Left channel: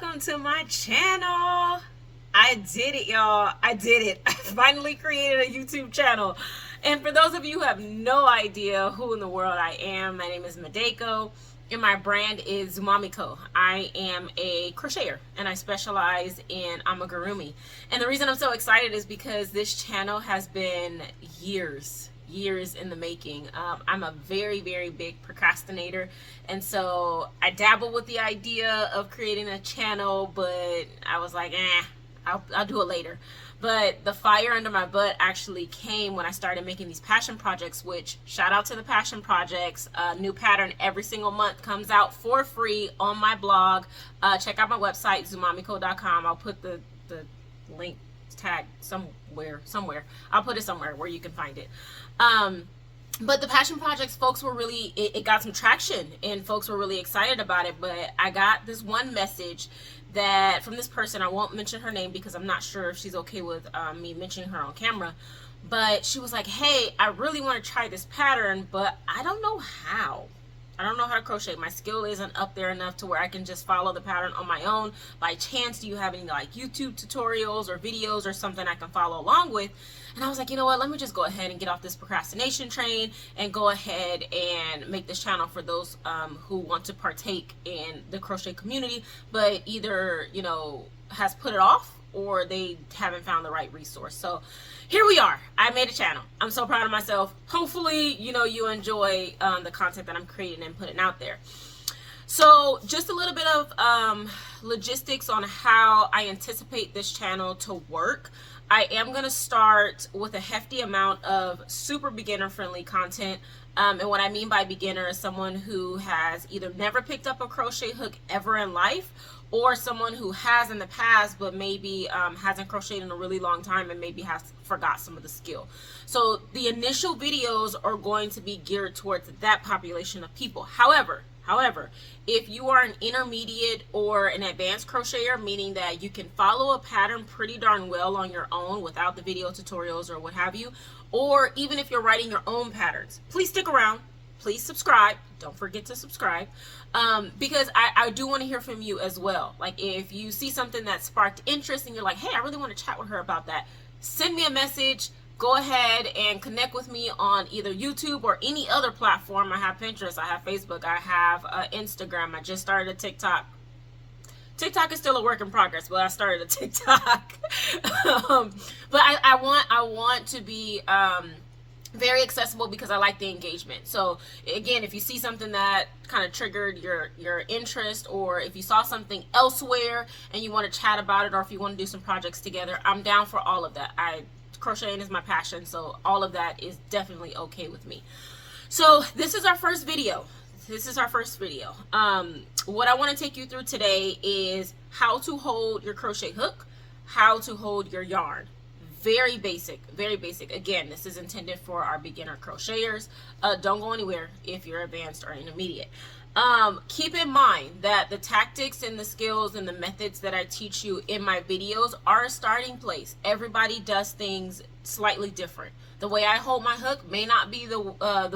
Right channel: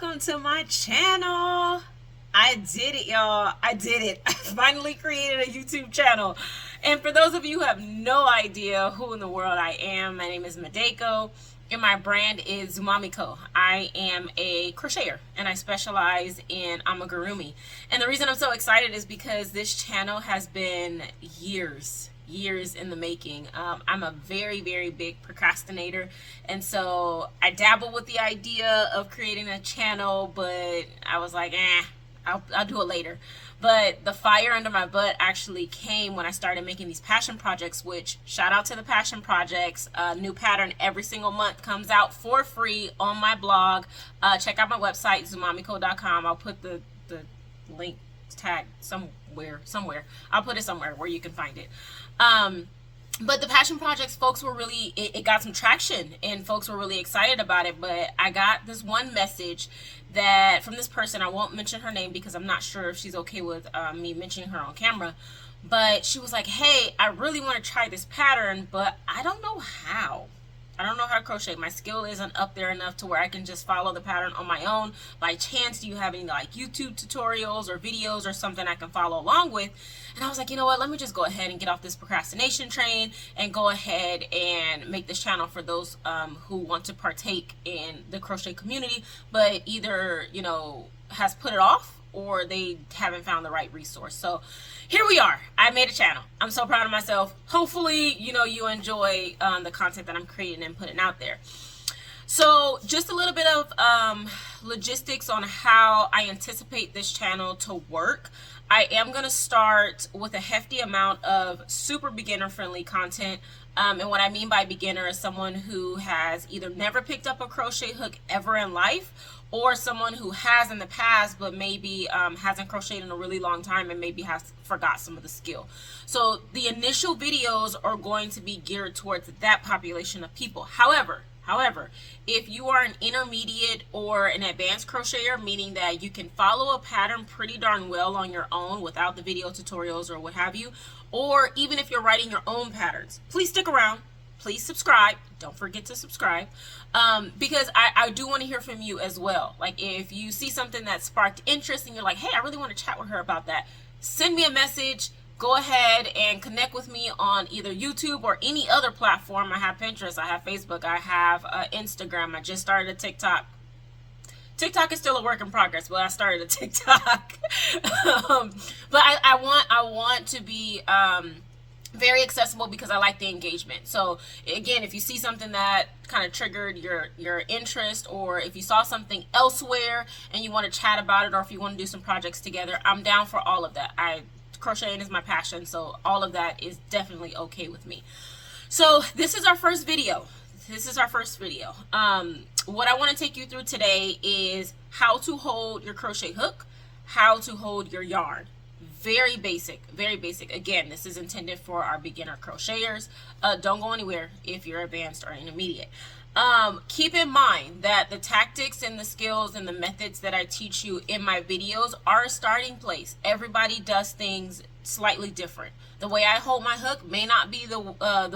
welcome to my channel. I did it, y'all. I did it. I finally created a YouTube channel. And for those of you who have no idea who in the world I am, my name is Madeko and my brand is Zumamiko. I am a crocheter and I specialize in amigurumi. And the reason I'm so excited is because this channel has been years in the making. I'm a very big procrastinator, and so I dabbled with the idea of creating a channel, but I was like, I'll do it later. But the fire under my butt actually came when I started making these passion projects, which shout out to the passion projects. A new pattern every single month comes out for free on my blog. Check out my website, zumamiko.com. I'll put the link tag somewhere. I'll put it somewhere where you can find it. But the passion projects, folks were really, it got some traction and folks were really excited about it. But I got this one message that from this person, I won't mention her name because I'm not sure if she's okay with me mentioning her on camera. But she was like, hey, I really want to try this pattern, but I don't know how. I don't know how to crochet. My skill isn't up there enough to where I can just follow the pattern on my own. By chance, do you have any like YouTube tutorials or videos or something I can follow along with? And I was like, you know what, let me just go ahead and get off this procrastination train and go ahead and make this channel for those who want to partake in the crochet community, but either, you know, has put it off or they haven't found the right resource. So here we are. I made a channel. I'm so proud of myself. Hopefully, you know, you enjoy the content that I'm creating and putting out there. So just a little bit of logistics on how I anticipate this channel to work. I am going to start with a hefty amount of super beginner friendly content. And what I mean by beginner is someone who has either never picked up a crochet hook ever in life, or someone who has in the past but maybe hasn't crocheted in a really long time and maybe has forgot some of the skill. So the initial videos are going to be geared towards that population of people. However, if you are an intermediate or an advanced crocheter, meaning that you can follow a pattern pretty darn well on your own without the video tutorials or what have you, or even if you're writing your own patterns, please stick around. Please subscribe. Don't forget to subscribe because I do want to hear from you as well. Like if you see something that sparked interest and you're like, hey, I really want to chat with her about that, send me a message. Go ahead and connect with me on either YouTube or any other platform. I have Pinterest, I have Facebook, I have Instagram. I just started a TikTok. TikTok is still a work in progress, but I started a TikTok. But I want to be very accessible because I like the engagement. So again, if you see something that kind of triggered your interest, or if you saw something elsewhere and you want to chat about it, or if you want to do some projects together, I'm down for all of that. Crocheting is my passion, so all of that is definitely okay with me. So this is our first video. What I want to take you through today is how to hold your crochet hook, how to hold your yarn. Very basic. Again, this is intended for our beginner crocheters. Don't go anywhere if you're advanced or intermediate. Keep in mind that the tactics and the skills and the methods that I teach you in my videos are a starting place. Everybody does things slightly different. The way I hold my hook may not be the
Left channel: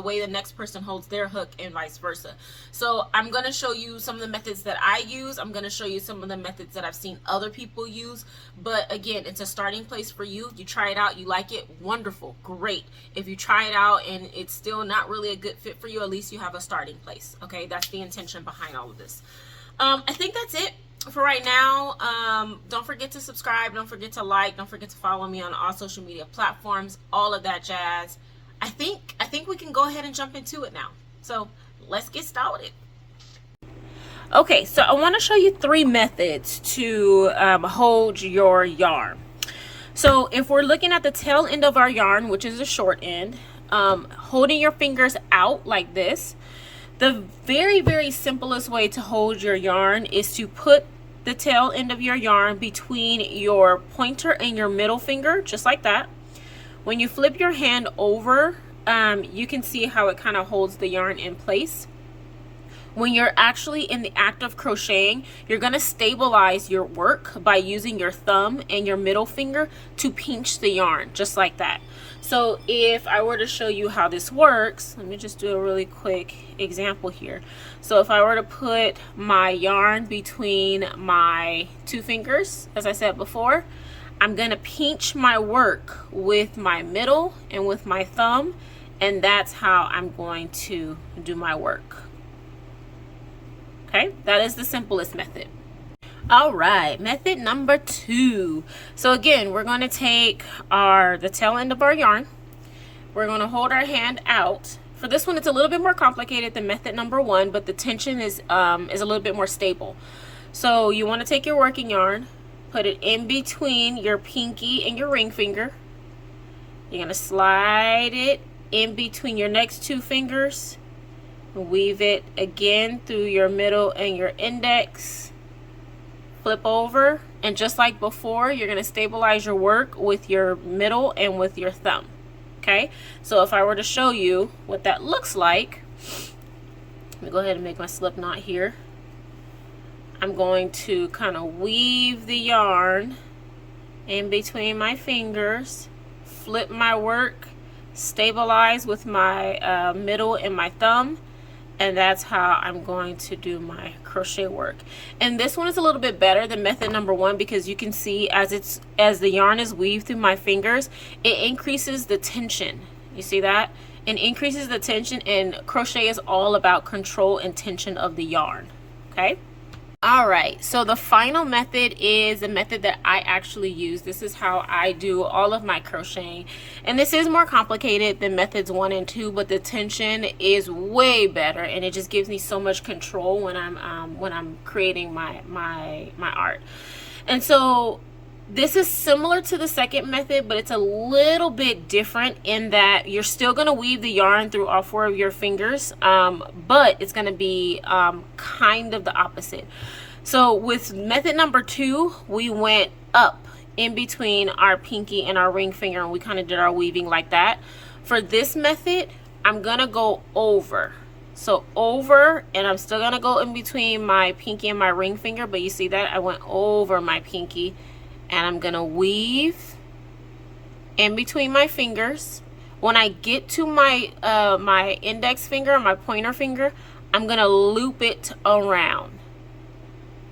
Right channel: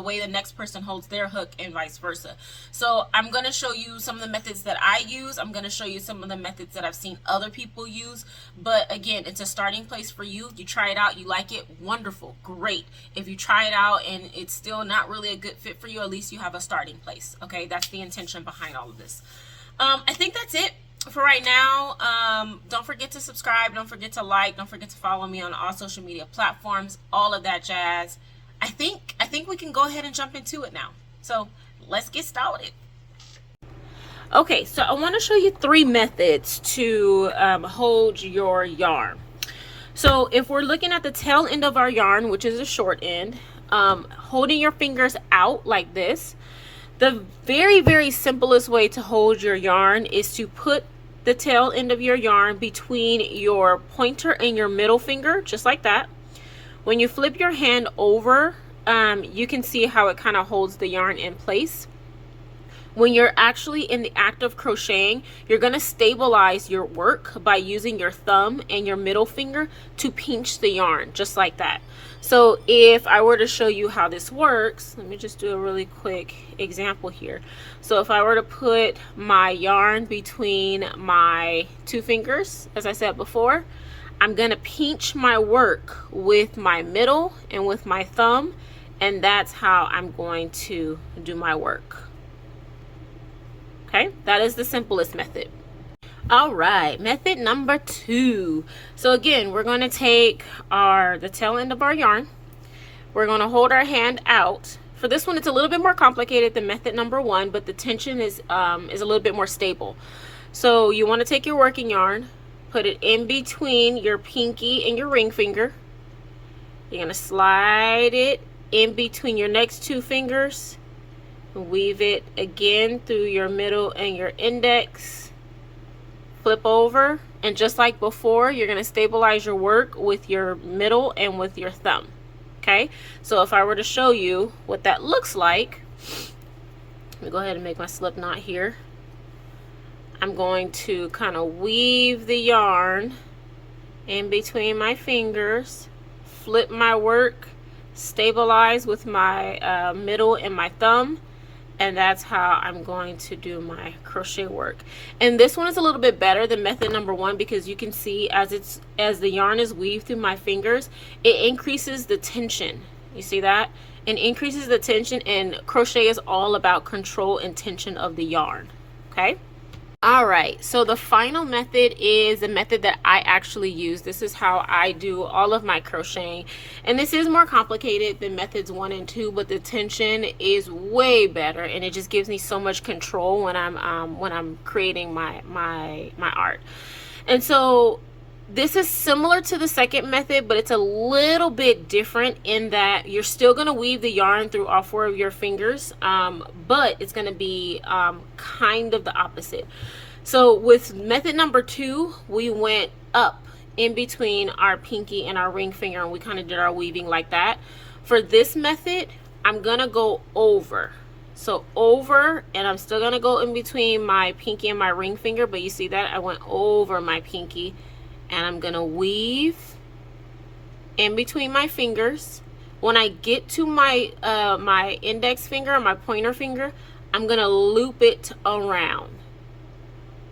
way the next person holds their hook, and vice versa. So I'm going to show you some of the methods that I use. I'm going to show you some of the methods that I've seen other people use. But again, it's a starting place for you. You try it out, you like it, wonderful, great. If you try it out and it's still not really a good fit for you, at least you have a starting place. Okay, that's the intention behind all of this. I think that's it for right now. Don't forget to subscribe, don't forget to like, don't forget to follow me on all social media platforms, all of that jazz. I think we can go ahead and jump into it now. So let's get started. Okay, so I want to show you 3 methods to hold your yarn. So if we're looking at the tail end of our yarn, which is the short end, holding your fingers out like this, the very simplest way to hold your yarn is to put the tail end of your yarn between your pointer and your middle finger, just like that. When you flip your hand over, you can see how it kind of holds the yarn in place. when you're actually in the act of crocheting, you're going to stabilize your work by using your thumb and your middle finger to pinch the yarn, just like that. So if I were to show you how this works, let me just do a really quick example here. So if I were to put my yarn between my two fingers, as I said before, I'm going to pinch my work with my middle and with my thumb, and that's how I'm going to do my work. Okay, that is the simplest method. All right, method number 2. So again, we're going to take the tail end of our yarn. We're going to hold our hand out. For this one, it's a little bit more complicated than method number 1, but the tension is a little bit more stable. So you want to take your working yarn, put it in between your pinky and your ring finger. You're going to slide it in between your next two fingers. Weave it again through your middle and your index. Flip over, and just like before, you're going to stabilize your work with your middle and with your thumb. Okay, so if I were to show you what that looks like, let me go ahead and make my slip knot here. I'm going to kind of weave the yarn in between my fingers, flip my work, stabilize with my middle and my thumb, and that's how I'm going to do my crochet work. And this one is a little bit better than method number 1 because you can see as the yarn is weaved through my fingers, it increases the tension. You see that? It increases the tension, and crochet is all about control and tension of the yarn. Okay? All right, so the final method is a method that I actually use. This is how I do all of my crocheting, and this is more complicated than methods 1 and 2, but the tension is way better, and it just gives me so much control when I'm creating my art. And so this is similar to the second method, but it's a little bit different in that you're still going to weave the yarn through all 4 of your fingers, but it's going to be kind of the opposite. So with method number 2, we went up in between our pinky and our ring finger, and we kind of did our weaving like that. For this method, I'm going to go over. So over, and I'm still going to go in between my pinky and my ring finger, but you see that I went over my pinky. And I'm gonna weave in between my fingers. When I get to my my index finger or my pointer finger, I'm gonna loop it around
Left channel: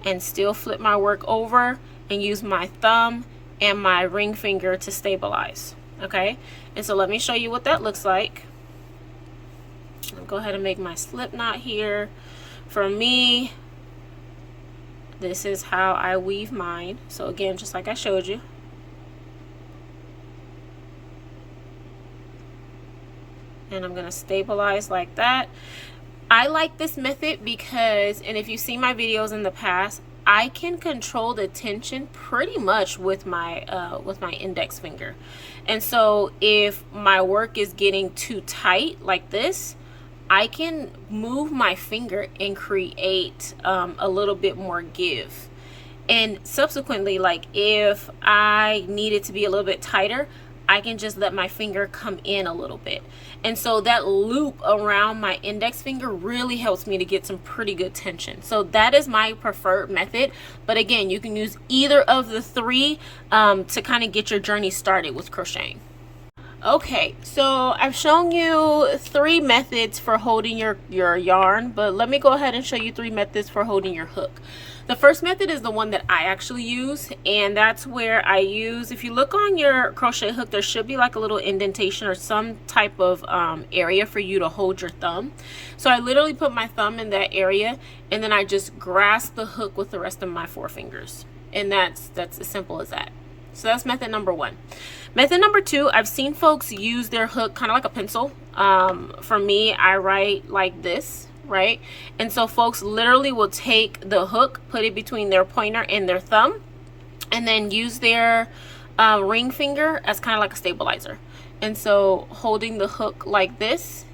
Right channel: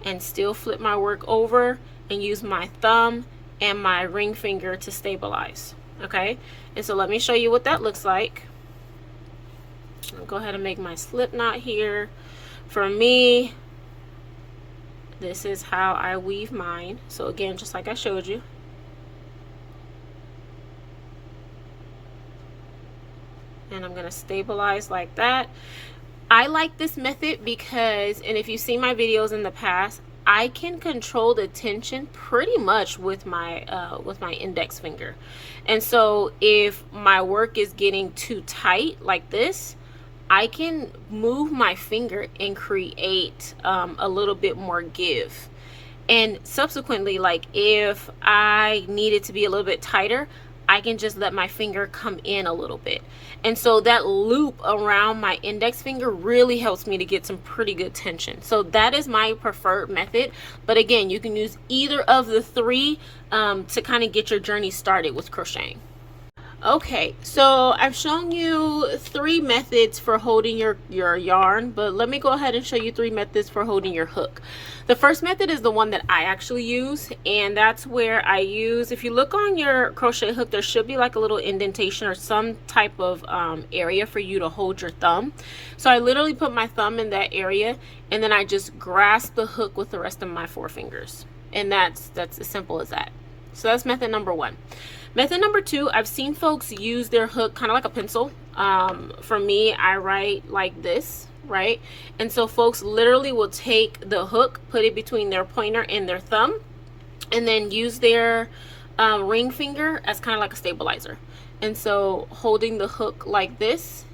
and still flip my work over and use my thumb and my ring finger to stabilize. Okay, and so let me show you what that looks like. I'll go ahead and make my slip knot here. For me, this is how I weave mine. So again, just like I showed you. And I'm going to stabilize like that. I like this method because, and if you've seen my videos in the past, I can control the tension pretty much with my index finger. And so if my work is getting too tight like this, I can move my finger and create a little bit more give. And subsequently, like if I need it to be a little bit tighter, I can just let my finger come in a little bit. And so that loop around my index finger really helps me to get some pretty good tension. So that is my preferred method. But again, you can use either of the 3 to kind of get your journey started with crocheting. Okay, so I've shown you 3 methods for holding your yarn, but let me go ahead and show you 3 methods for holding your hook. The first method is the one that I actually use, and that's where I use, if you look on your crochet hook, there should be like a little indentation or some type of area for you to hold your thumb. So I literally put my thumb in that area, and then I just grasp the hook with the rest of my 4 fingers. And that's as simple as that. So that's method number 1. Method number 2, I've seen folks use their hook kind of like a pencil. For me, I write like this, right? And so folks literally will take the hook, put it between their pointer and their thumb, and then use their ring finger as kind of like a stabilizer. And so holding the hook like this,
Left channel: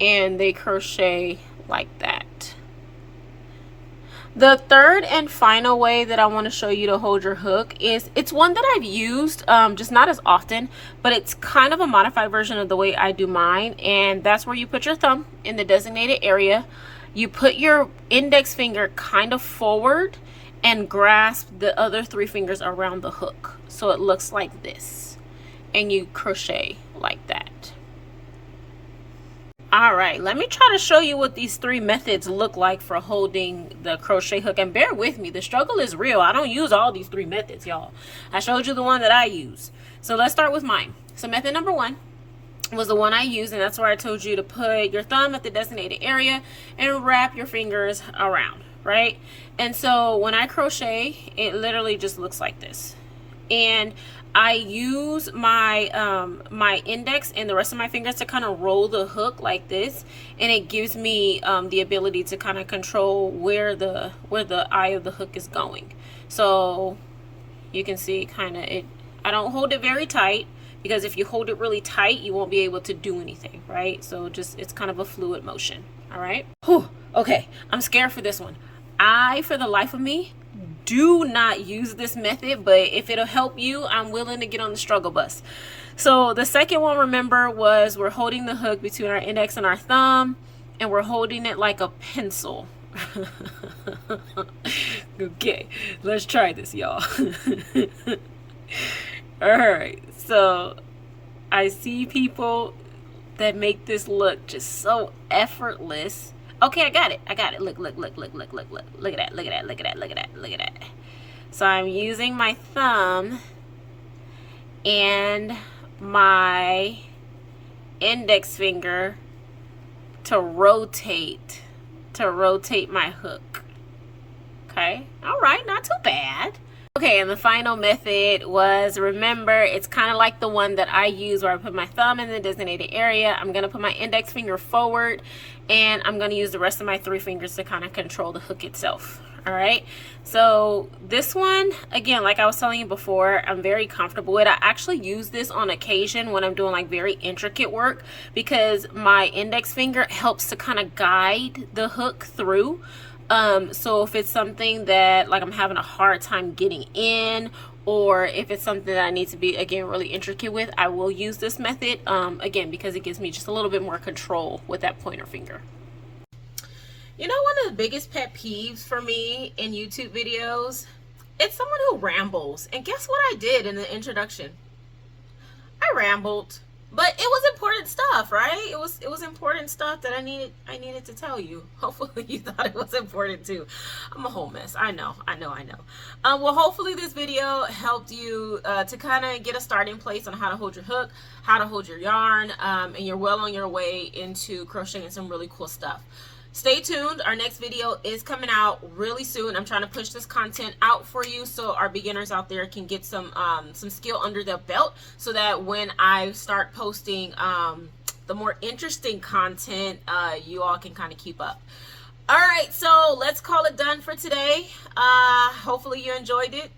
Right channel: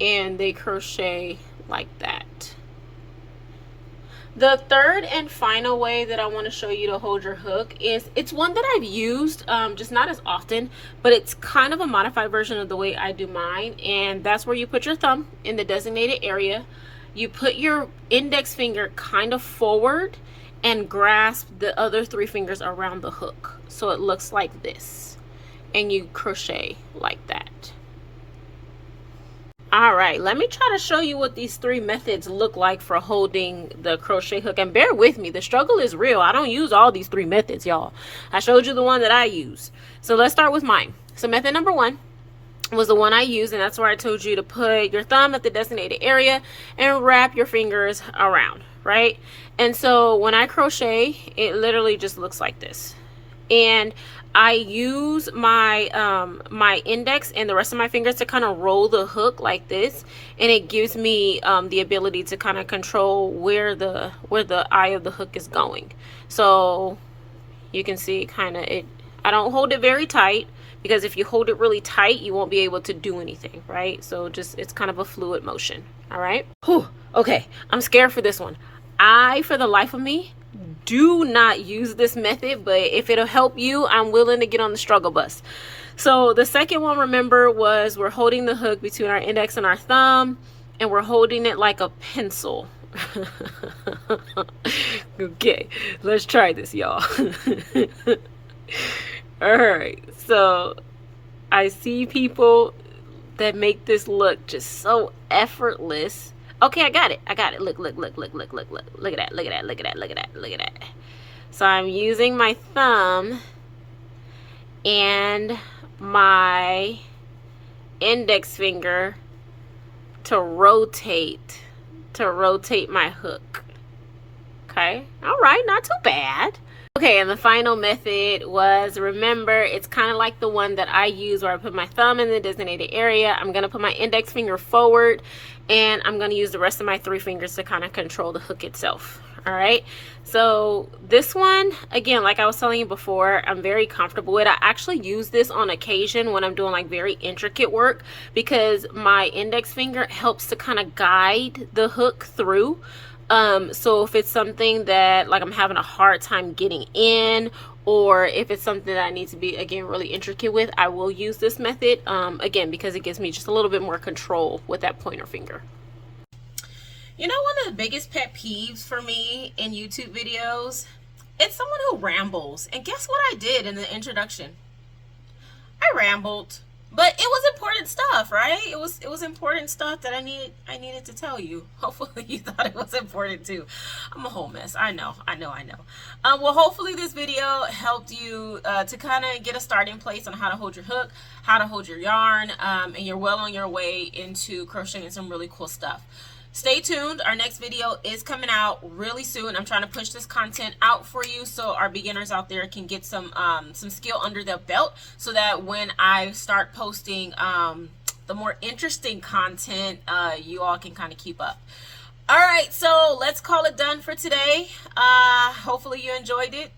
and they crochet like that. The third and final way that I want to show you to hold your hook is, it's one that I've used, just not as often, but it's kind of a modified version of the way I do mine. And that's where you put your thumb in the designated area. you put your index finger kind of forward and grasp the other 3 fingers around the hook. So it looks like this. And you crochet like that. Alright, let me try to show you what these 3 methods look like for holding the crochet hook. And bear with me, the struggle is real. I don't use all these 3 methods, y'all. I showed you the one that I use. So let's start with mine. So method number 1 was the one I used, and that's where I told you to put your thumb at the designated area and wrap your fingers around, right? And so when I crochet, it literally just looks like this. And I use my my index and the rest of my fingers to kind of roll the hook like this, and it gives me the ability to kind of control where the eye of the hook is going. So you can see kind of it. I don't hold it very tight, because if you hold it really tight, you won't be able to do anything, right? So just, it's kind of a fluid motion. All right. Whew. Okay, I'm scared for this one. I, for the life of me, do not use this method, but if it'll help you, I'm willing to get on the struggle bus. So the second one, remember, was we're holding the hook between our index and our thumb, and we're holding it like a pencil. Okay, let's try this, y'all. All right, so I see people that make this look just so effortless. Okay, I got it. Look at that. So I'm using my thumb and my index finger to rotate my hook. Okay, all right, not too bad. Okay, and the final method was, remember, it's kind of like the one that I use where I put my thumb in the designated area. I'm going to put my index finger forward, and I'm going to use the rest of my 3 fingers to kind of control the hook itself. All right, so this one, again, like I was telling you before, I'm very comfortable with. I actually use this on occasion when I'm doing like very intricate work, because my index finger helps to kind of guide the hook through. So if it's something that like I'm having a hard time getting in, or if it's something that I need to be, again, really intricate with, I will use this method, again, because it gives me just a little bit more control with that pointer finger. You know, one of the biggest pet peeves for me in YouTube videos, it's someone who rambles. And guess what I did in the introduction? I rambled. But it was important stuff, right? It was important stuff that I needed to tell you. Hopefully you thought it was important too. I'm a whole mess. I know. Well, hopefully this video helped you to kind of get a starting place on how to hold your hook, how to hold your yarn, and you're well on your way into crocheting some really cool stuff. Stay tuned. Our next video is coming out really soon. I'm trying to push this content out for you so our beginners out there can get some skill under their belt, so that when I start posting the more interesting content, you all can kind of keep up. All right, so let's call it done for today. Hopefully you enjoyed it.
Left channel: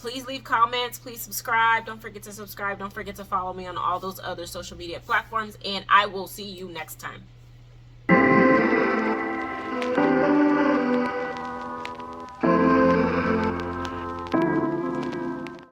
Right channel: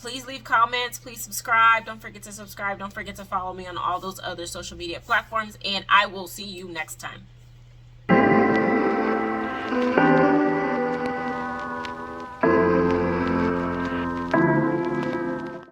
Please leave comments. Please subscribe. Don't forget to subscribe. Don't forget to follow me on all those other social media platforms, and I will see you next time.